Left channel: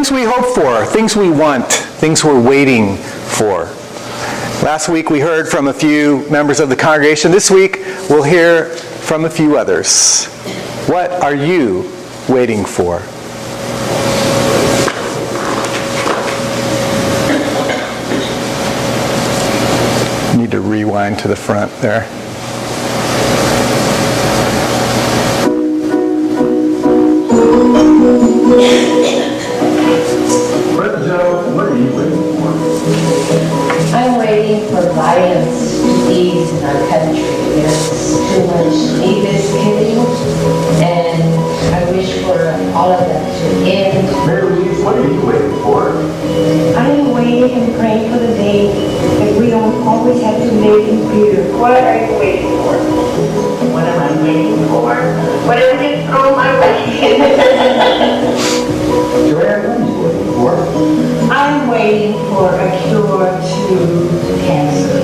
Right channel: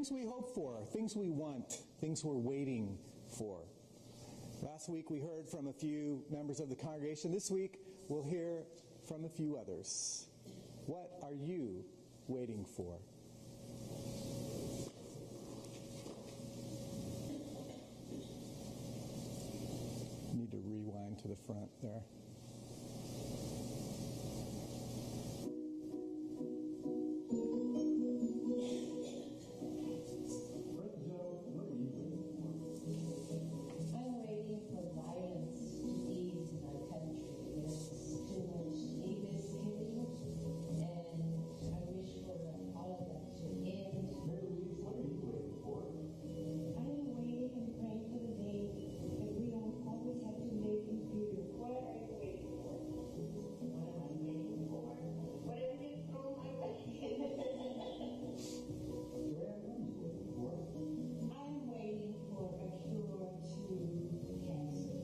things we hope for, things we want, things we're waiting for. Last week we heard from a few members of the congregation. This week we'll hear from a few others. What are you waiting for? Need to rewind to the front there. What are you waiting for? I'm waiting for violence to ease in our country. There's too much needless killing, and I wish for all of that to end. Mary Louise, what are you waiting for? I am waiting and praying for the day that we don't always have to live in fear. What are you waiting for? What am I waiting for? Whatever gets thrown my way. Joanne, what are you waiting for? I'm waiting for a cure to cancer.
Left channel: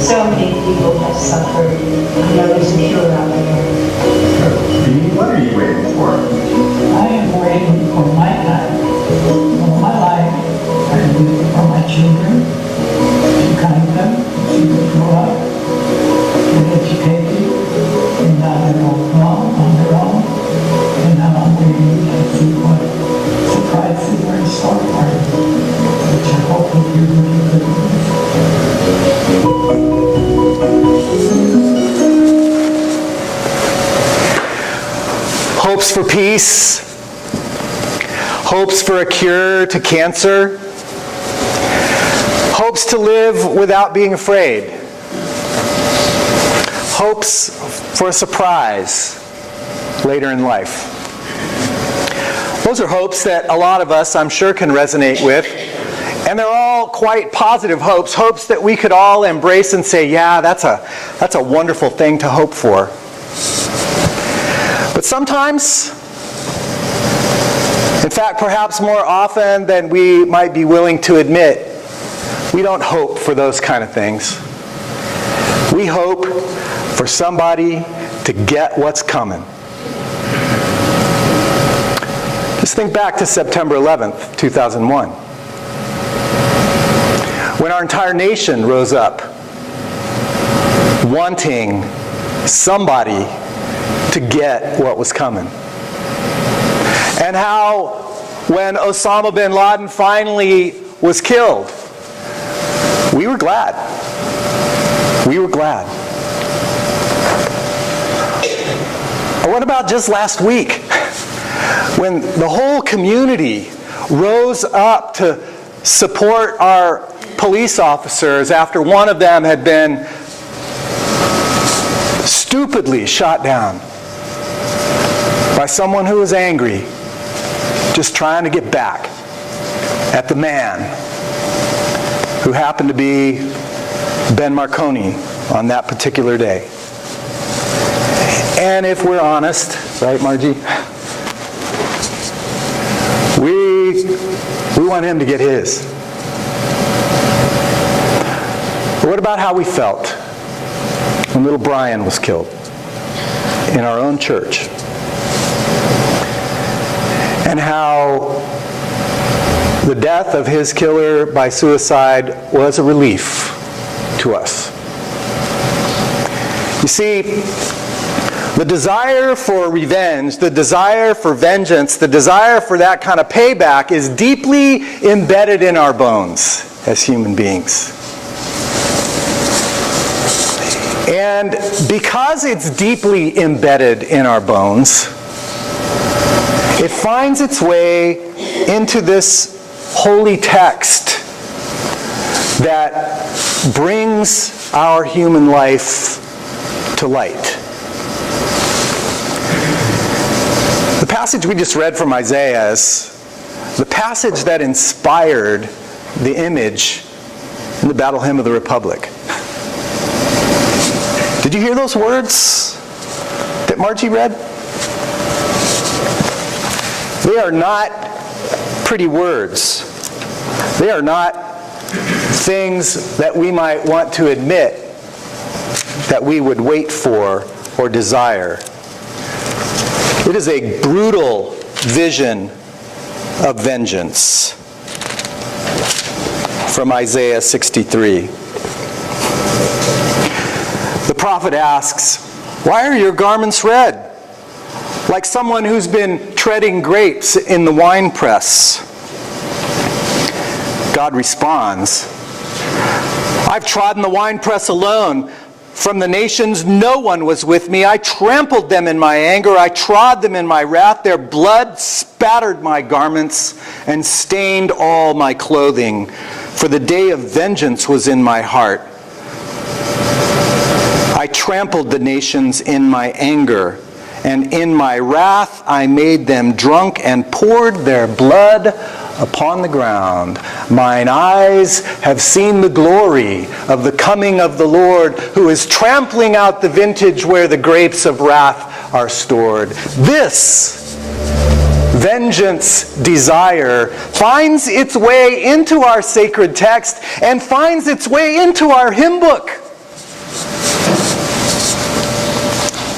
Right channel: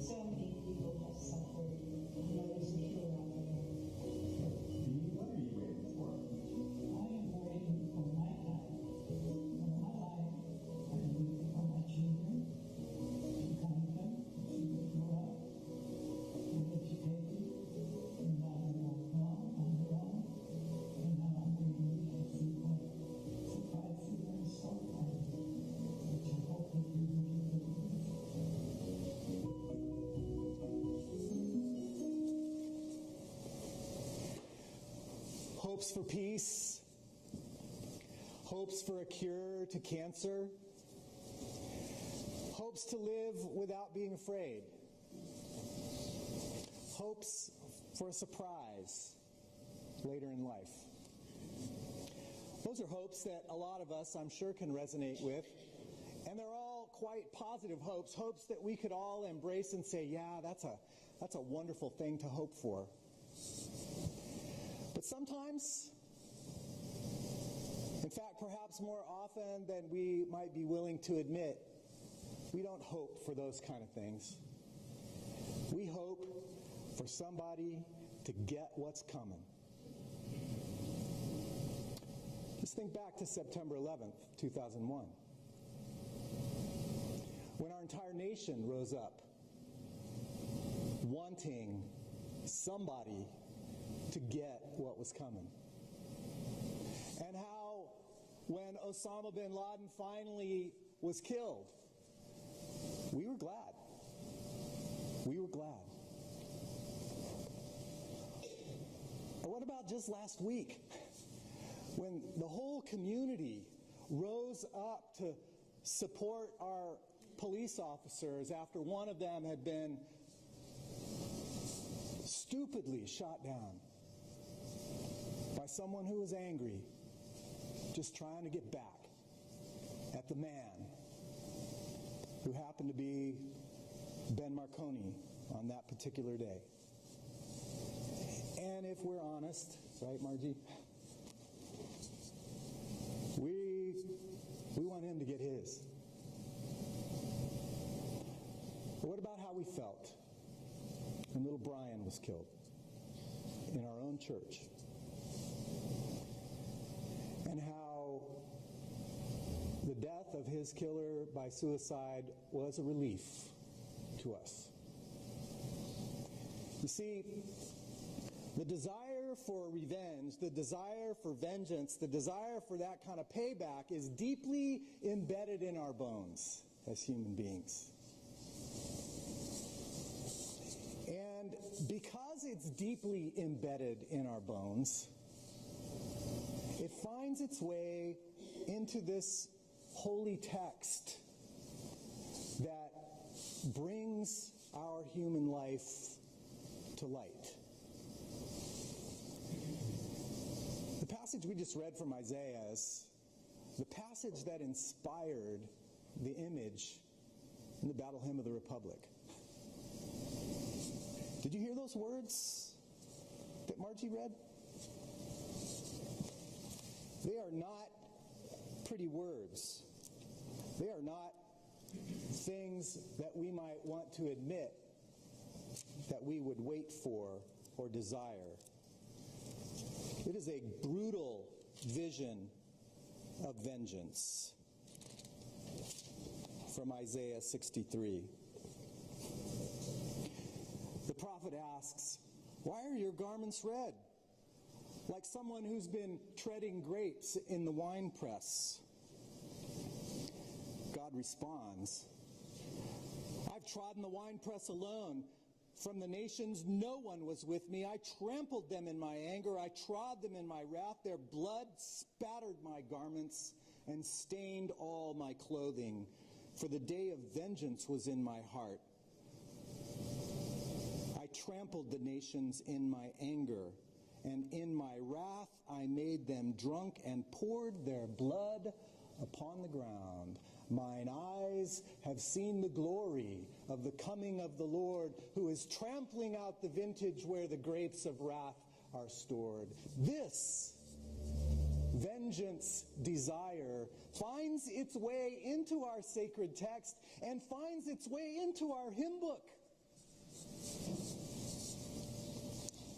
So many people have suffered. I know there's a cure out there. Dee, what are you waiting for? I am waiting for Micah, for my life, and for my children, to guide them, to grow up, get educated, and now they go along on their own. And now I'm waiting to see what surprises are in store for them, which I hope will be really good. Hopes for peace, hopes for a cure to cancer, hopes to live without being afraid, hopes for a surprise later in life. Those are hopes that a lot of us, I'm sure, can resonate with, and they're all quite positive hopes, hopes that we could all embrace and say, yeah, that's a wonderful thing to hope for. But sometimes, in fact, perhaps more often than we might be willing to admit, we don't hope for those kind of things. We hope for somebody to get what's coming. Just think back to September 11th, 2001, when our entire nation rose up, wanting somebody to get what was coming. And how when Osama bin Laden finally was killed, we were glad. We were glad. Or what about just last week, when the whole community rose up to support our police officers after one of them had been stupidly shot down by someone who was angry, just trying to get back at the man who happened to be Ben Marconi on that particular day. And if we're honest, right, Margie? We want him to get his. But what about how we felt when little Brian was killed in our own church? And how the death of his killer by suicide was a relief to us. You see, the desire for revenge, the desire for vengeance, the desire for that kind of payback is deeply embedded in our bones as human beings. And because it's deeply embedded in our bones, it finds its way into this holy text that brings our human life to light. The passage we just read from Isaiah is the passage that inspired the image in the Battle Hymn of the Republic. Did you hear those words that Margie read? They are not pretty words. They are not things that we might want to admit that we would wait for or desire. It is a brutal vision of vengeance. From Isaiah 63. The prophet asks, "Why are your garments red? Like someone who's been treading grapes in the winepress." God responds, "I've trodden the winepress alone. From the nations no one was with me. I trampled them in my anger. I trod them in my wrath. Their blood spattered my garments and stained all my clothing. For the day of vengeance was in my heart. I trampled the nations in my anger, and in my wrath I made them drunk and poured their blood upon the ground. Mine eyes have seen the glory of the coming of the Lord, who is trampling out the vintage where the grapes of wrath are stored." This vengeance desire finds its way into our sacred text and finds its way into our hymn book.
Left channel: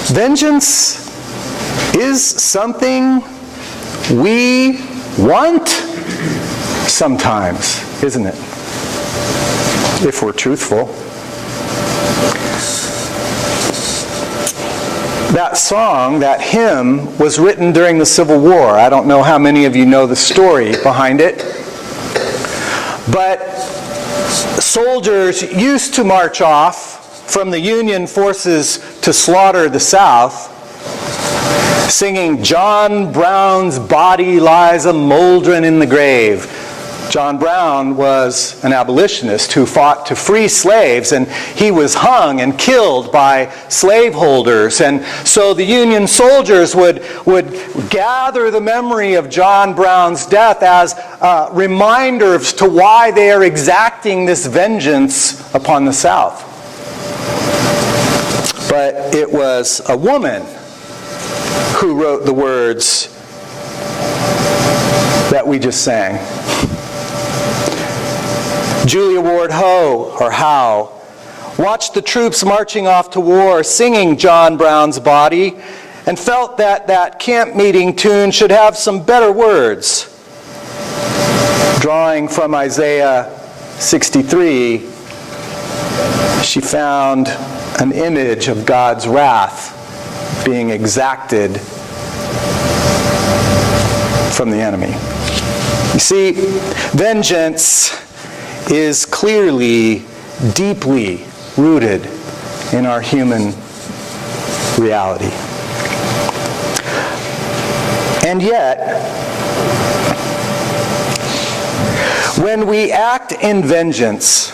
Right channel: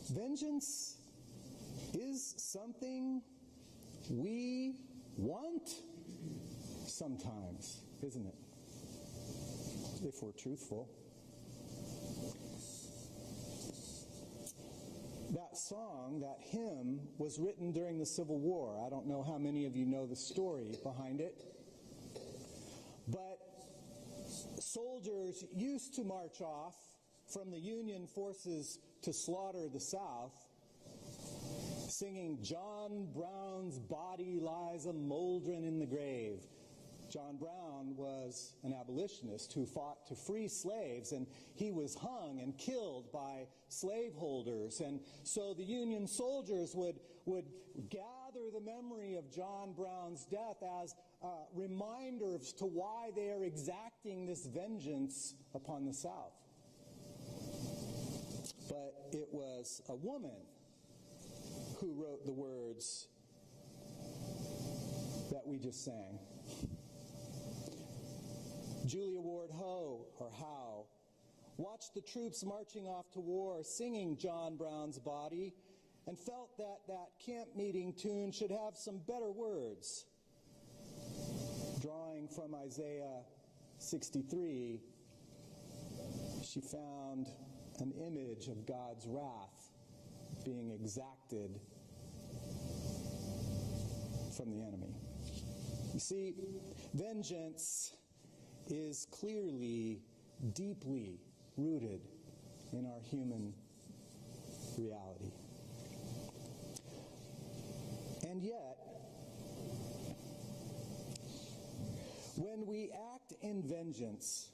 Vengeance is something we want sometimes, isn't it? If we're truthful. That song, that hymn, was written during the Civil War. I don't know how many of you know the story behind it. But soldiers used to march off from the Union forces to slaughter the South, singing, "John Brown's body lies a mouldering in the grave." John Brown was an abolitionist who fought to free slaves, and he was hung and killed by slaveholders. And so the Union soldiers would gather the memory of John Brown's death as reminders to why they are exacting this vengeance upon the South. But it was a woman who wrote the words that we just sang. Julia Ward Howe watched the troops marching off to war, singing John Brown's body, and felt that that camp meeting tune should have some better words. Drawing from Isaiah 63, she found an image of God's wrath being exacted from the enemy. You see, vengeance is clearly, deeply rooted in our human reality. And yet, when we act in vengeance,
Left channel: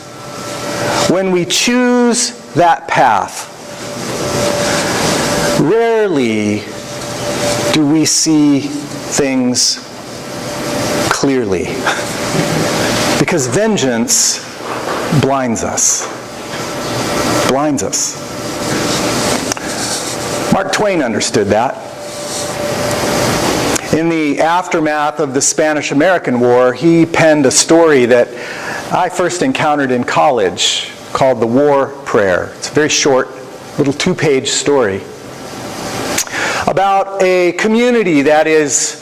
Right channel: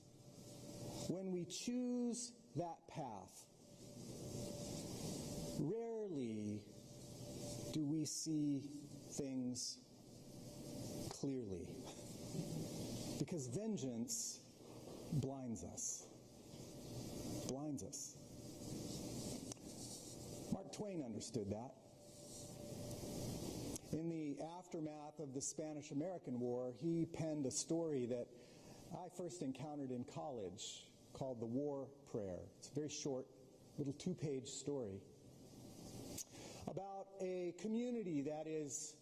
when we choose that path, rarely do we see things clearly. Because vengeance blinds us. Blinds us. Mark Twain understood that. In the aftermath of the Spanish-American War, he penned a story that I first encountered in college called The War Prayer. It's a very short, little 2-page story about a community that is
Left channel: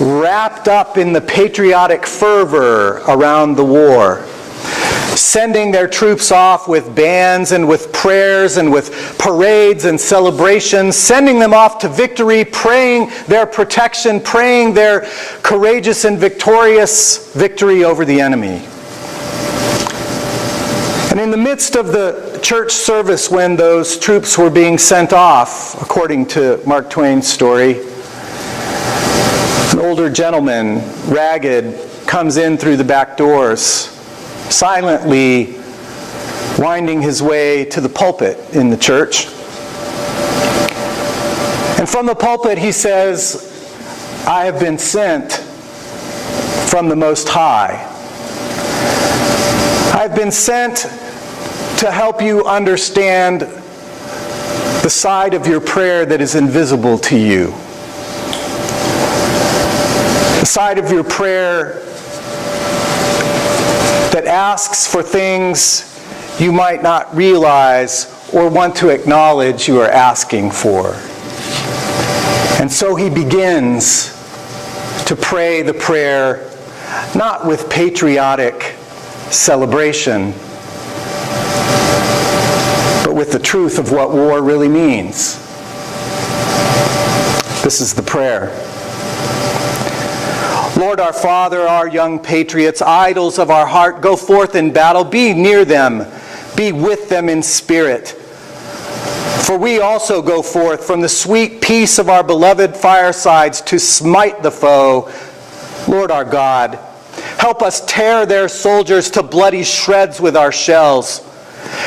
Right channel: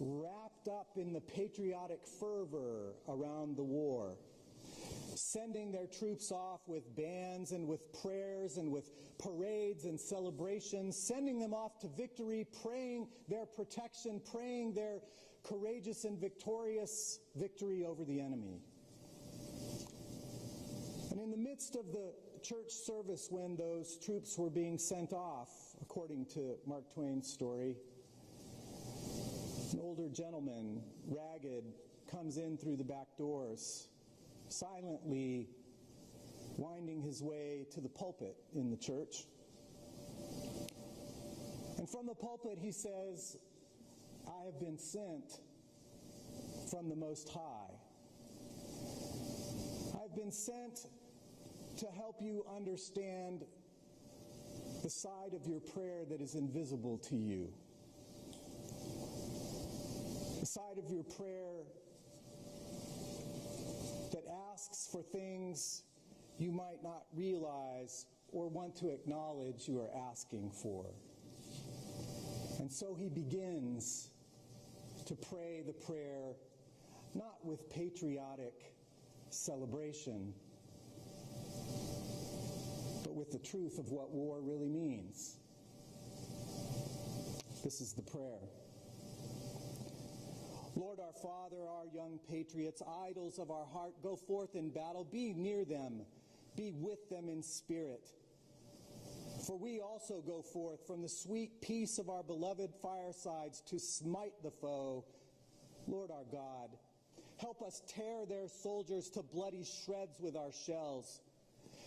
wrapped up in the patriotic fervor around the war, sending their troops off with bands and with prayers and with parades and celebrations, sending them off to victory, praying their protection, praying their courageous and victorious victory over the enemy. And in the midst of the church service when those troops were being sent off, according to Mark Twain's story, an older gentleman, ragged, comes in through the back doors, silently winding his way to the pulpit in the church. And from the pulpit he says, "I have been sent from the Most High. I've been sent to help you understand the side of your prayer that is invisible to you. The side of your prayer that asks for things you might not realize or want to acknowledge you are asking for." And so he begins to pray the prayer not with patriotic celebration, but with the truth of what war really means. This is the prayer. Lord, our Father, our young patriots, idols of our heart, go forth in battle. Be near them. Be with them in spirit. For we also go forth from the sweet peace of our beloved firesides to smite the foe. Lord our God, help us tear their soldiers to bloody shreds with our shells.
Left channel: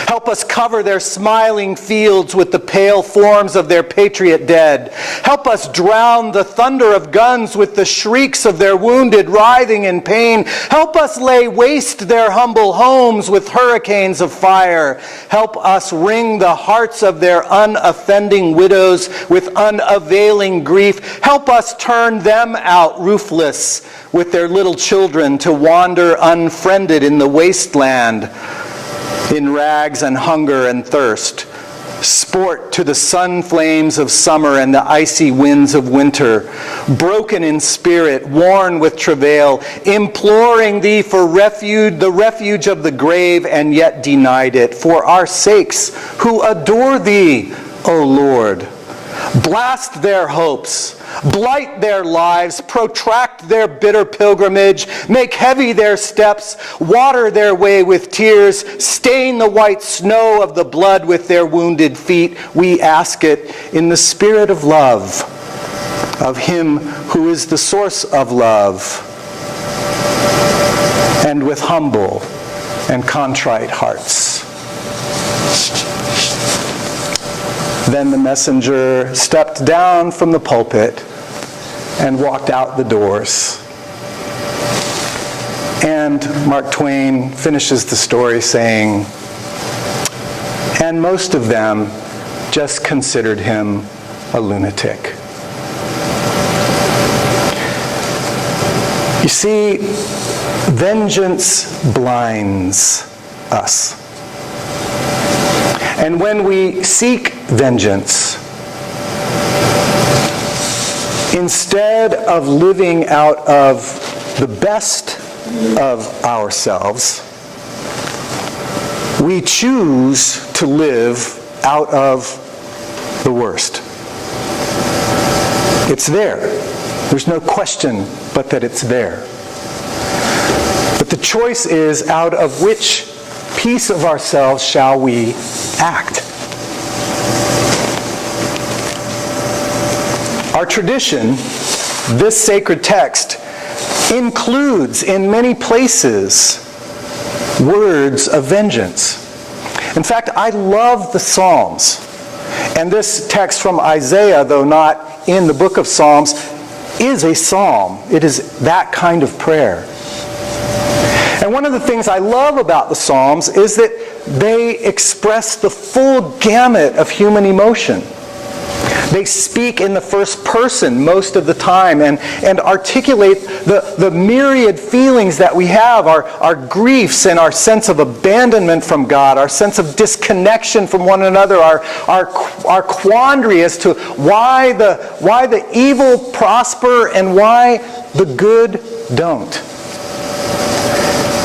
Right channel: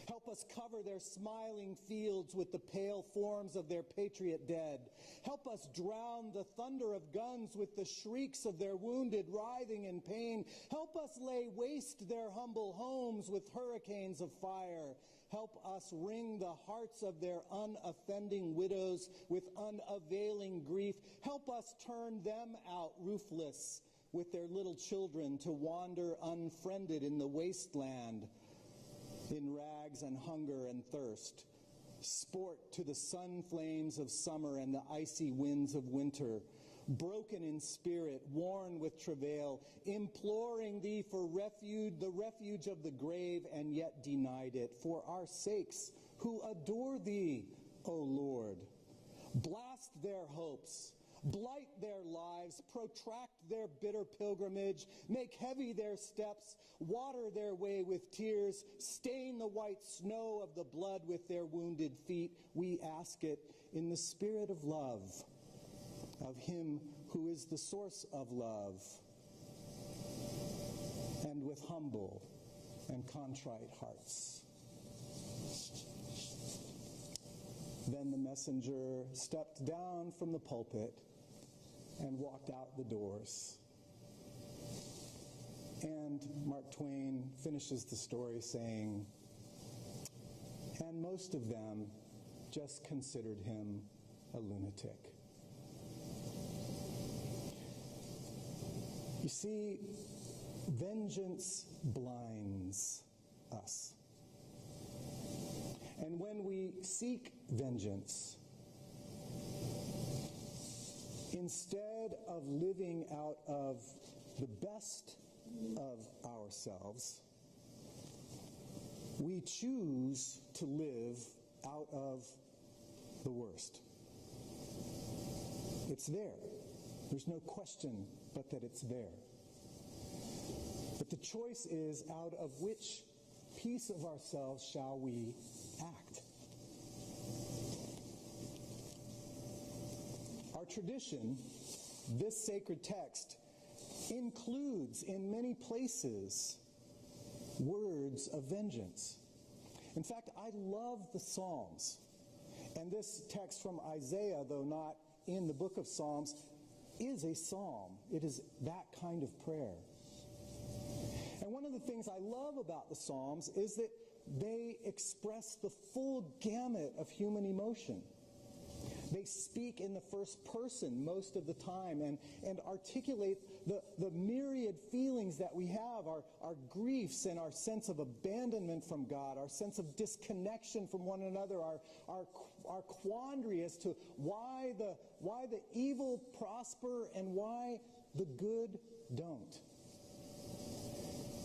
Help us cover their smiling fields with the pale forms of their patriot dead. Help us drown the thunder of guns with the shrieks of their wounded writhing in pain. Help us lay waste their humble homes with hurricanes of fire. Help us wring the hearts of their unoffending widows with unavailing grief. Help us turn them out roofless with their little children to wander unfriended in the wasteland, in rags and hunger and thirst, sport to the sun flames of summer and the icy winds of winter, broken in spirit, worn with travail, imploring thee for refuge, the refuge of the grave, and yet denied it, for our sakes who adore thee, O Lord. Blast their hopes, blight their lives, protract their bitter pilgrimage, make heavy their steps, water their way with tears, stain the white snow of the blood with their wounded feet. We ask it in the spirit of love, of him who is the source of love, and with humble and contrite hearts. Then the messenger stepped down from the pulpit and walked out the doors. And Mark Twain finishes the story saying, and most of them just considered him a lunatic. You see, vengeance blinds us. And when we seek vengeance, instead of living out of the best of ourselves, we choose to live out of the worst. It's there. There's no question but that it's there. But the choice is, out of which piece of ourselves shall we act? Our tradition, this sacred text, includes in many places words of vengeance. In fact, I love the Psalms. And this text from Isaiah, though not in the book of Psalms, is a psalm. It is that kind of prayer. And one of the things I love about the Psalms is that they express the full gamut of human emotion. They speak in the first person most of the time and articulate the myriad feelings that we have, our griefs and our sense of abandonment from God, our sense of disconnection from one another, our quandary as to why the evil prosper and why the good don't.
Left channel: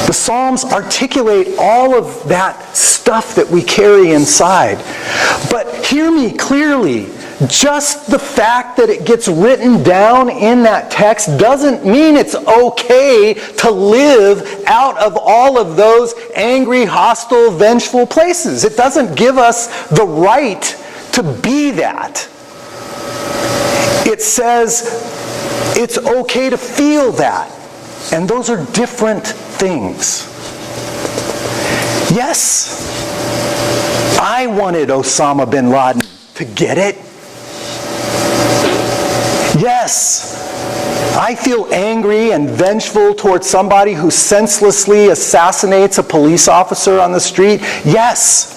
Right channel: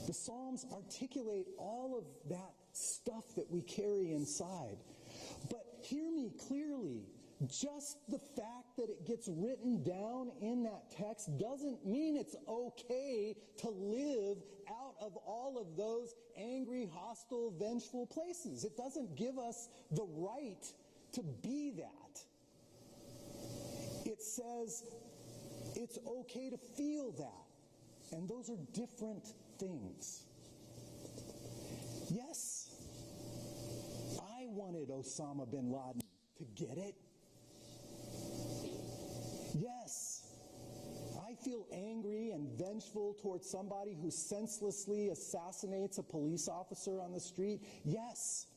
The Psalms articulate all of that stuff that we carry inside. But hear me clearly. Just the fact that it gets written down in that text doesn't mean it's okay to live out of all of those angry, hostile, vengeful places. It doesn't give us the right to be that. It says it's okay to feel that. And those are different things. Yes, I wanted Osama bin Laden to get it. Yes, I feel angry and vengeful towards somebody who senselessly assassinates a police officer on the street. Yes,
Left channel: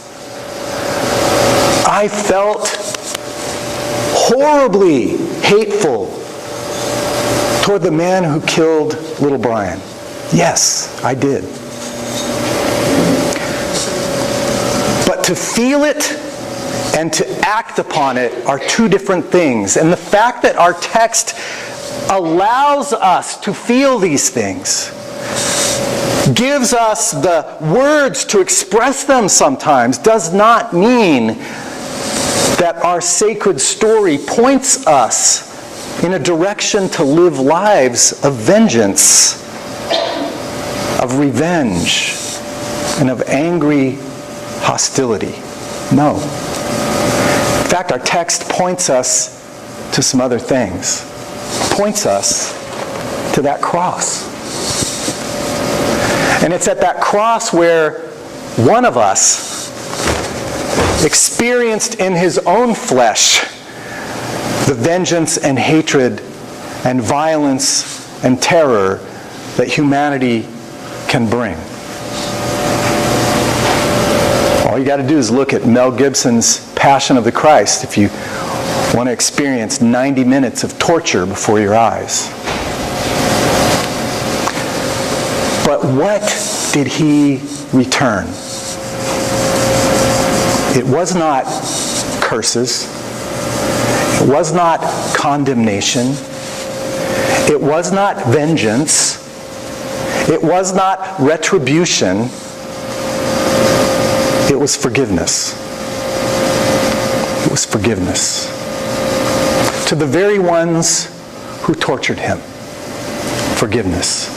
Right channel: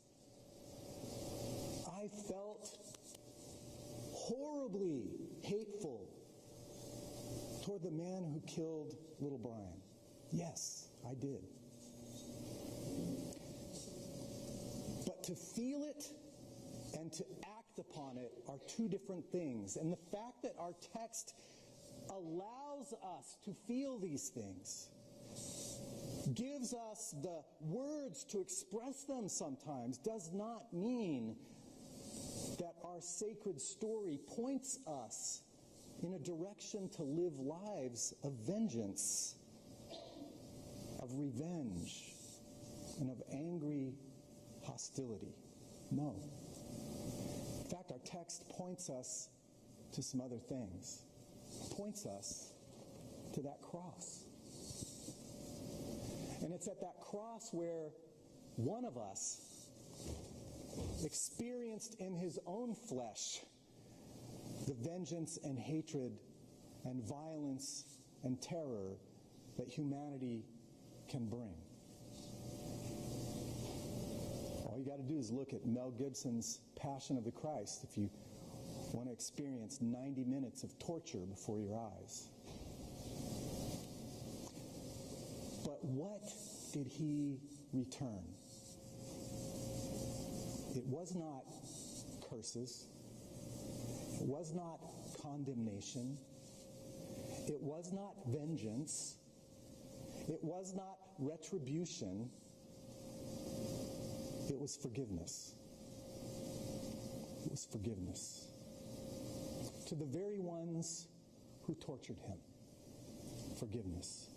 I felt horribly hateful toward the man who killed little Brian. Yes, I did. But to feel it and to act upon it are two different things. And the fact that our text allows us to feel these things, gives us the words to express them sometimes, does not mean that our sacred story points us in a direction to live lives of vengeance, of revenge, and of angry hostility. No. In fact, our text points us to some other things. Points us to that cross. And it's at that cross where one of us experienced in his own flesh the vengeance and hatred and violence and terror that humanity can bring. All you got to do is look at Mel Gibson's Passion of the Christ if you want to experience 90 minutes of torture before your eyes. But what did he return? It was not curses. It was not condemnation. It was not vengeance. It was not retribution. It was forgiveness. It was forgiveness. To the very ones who tortured him. Forgiveness.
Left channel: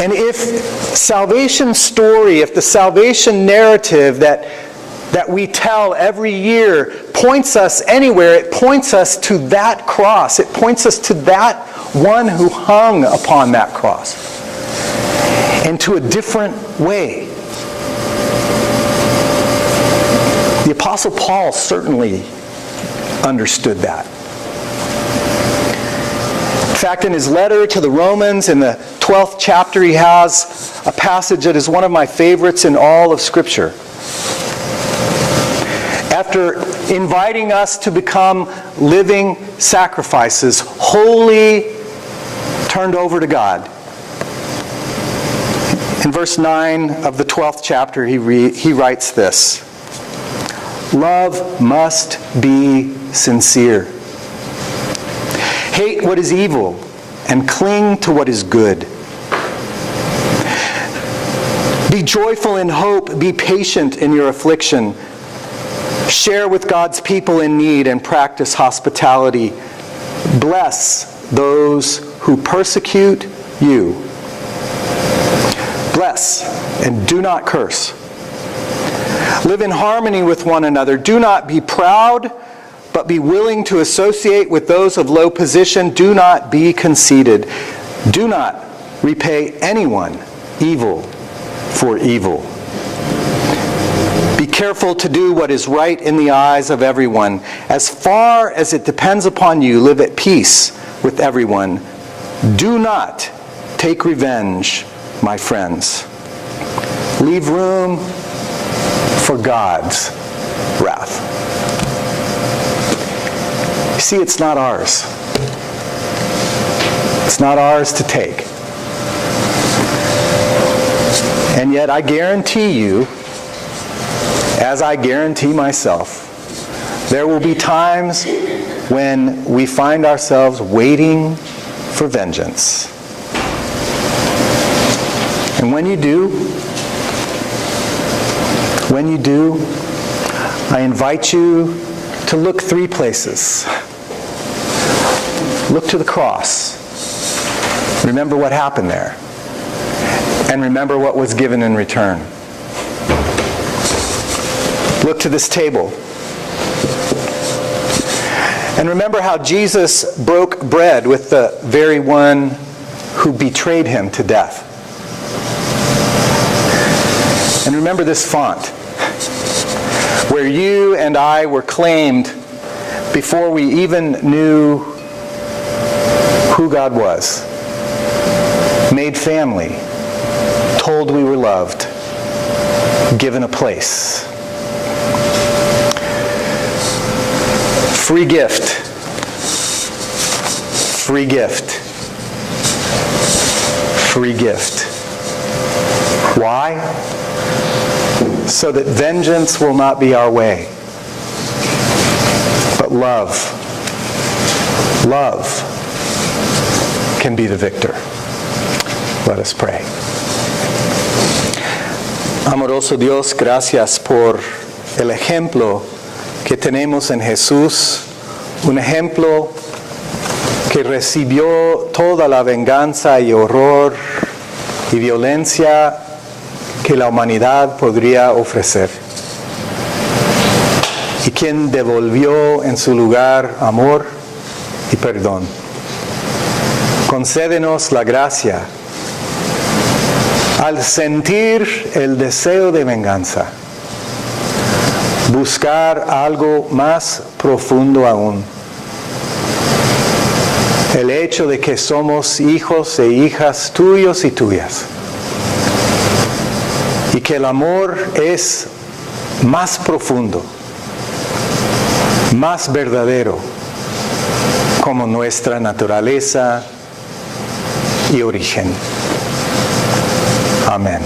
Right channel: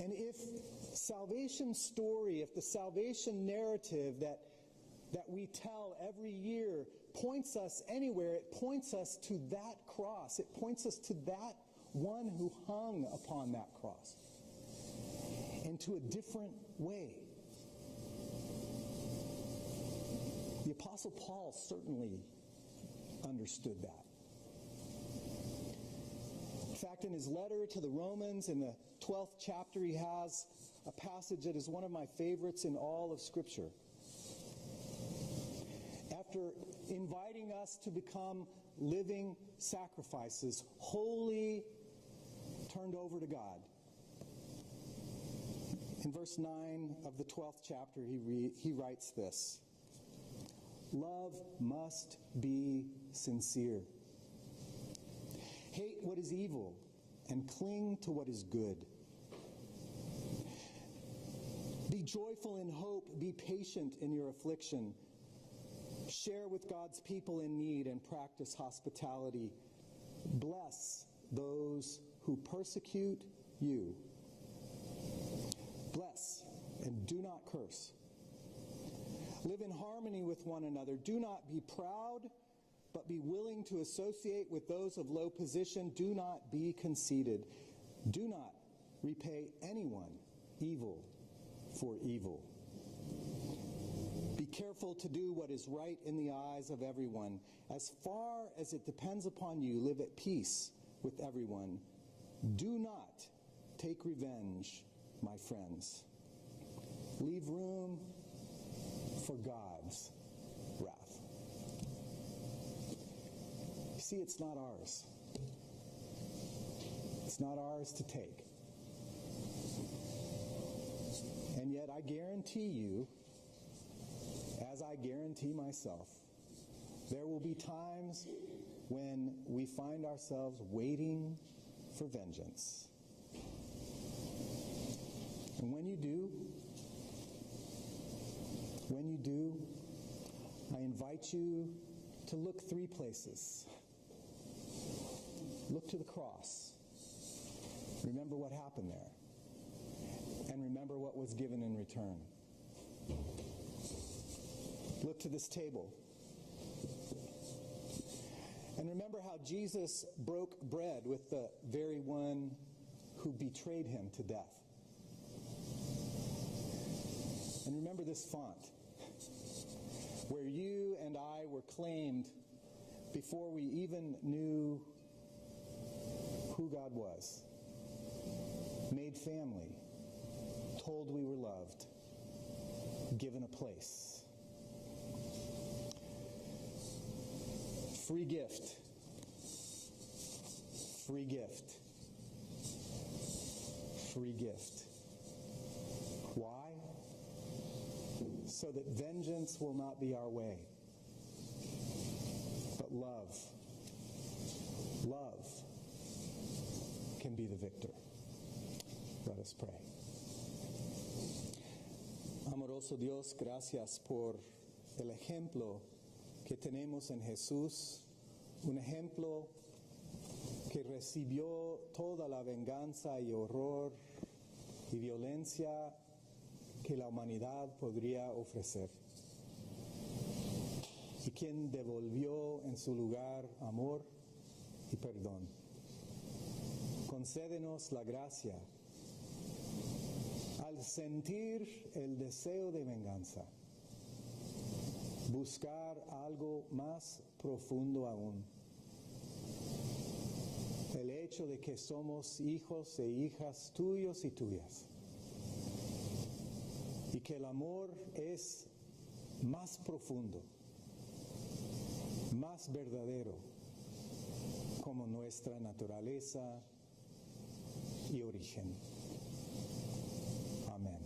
And if salvation story, if the salvation narrative that we tell every year points us anywhere, it points us to that cross. It points us to that one who hung upon that cross. And to a different way. The Apostle Paul certainly understood that. In fact, in his letter to the Romans, in the 12th chapter, he has a passage that is one of my favorites in all of Scripture. After inviting us to become living sacrifices, wholly turned over to God, in verse 9 of the 12th chapter, he writes this: "Love must be sincere. Hate what is evil and cling to what is good. Be joyful in hope, be patient in your affliction. Share with God's people in need and practice hospitality. Bless those who persecute you. Bless and do not curse. Live in harmony with one another. Do not be proud, but be willing to associate with those of low position. Do not be conceited. Do not repay anyone evil for evil. Be careful to do what is right in the eyes of everyone. As far as it depends upon you, live at peace with everyone. Do not take revenge, my friends. Leave room for God's wrath." You see, it's not ours. It's not ours to take. And yet I guarantee you, as I guarantee myself, there will be times when we find ourselves waiting for vengeance. And when you do, I invite you to look three places. Look to the cross. Remember what happened there. And remember what was given in return. Look to this table. And remember how Jesus broke bread with the very one who betrayed him to death. And remember this font, where you and I were claimed before we even knew who God was, made family, told we were loved, given a place. Free gift. Free gift. Free gift. Why? So that vengeance will not be our way, but love love can be the victor. Let us pray. Amoroso Dios, gracias por el ejemplo que tenemos en Jesús, un ejemplo que recibió toda la venganza y horror y violencia que la humanidad podría ofrecer, y quien devolvió en su lugar amor y perdón. Concédenos la gracia al sentir el deseo de venganza, buscar algo más profundo aún. El hecho de que somos hijos e hijas tuyos y tuyas. Y que el amor es más profundo, más verdadero, como nuestra naturaleza y origen. Amén.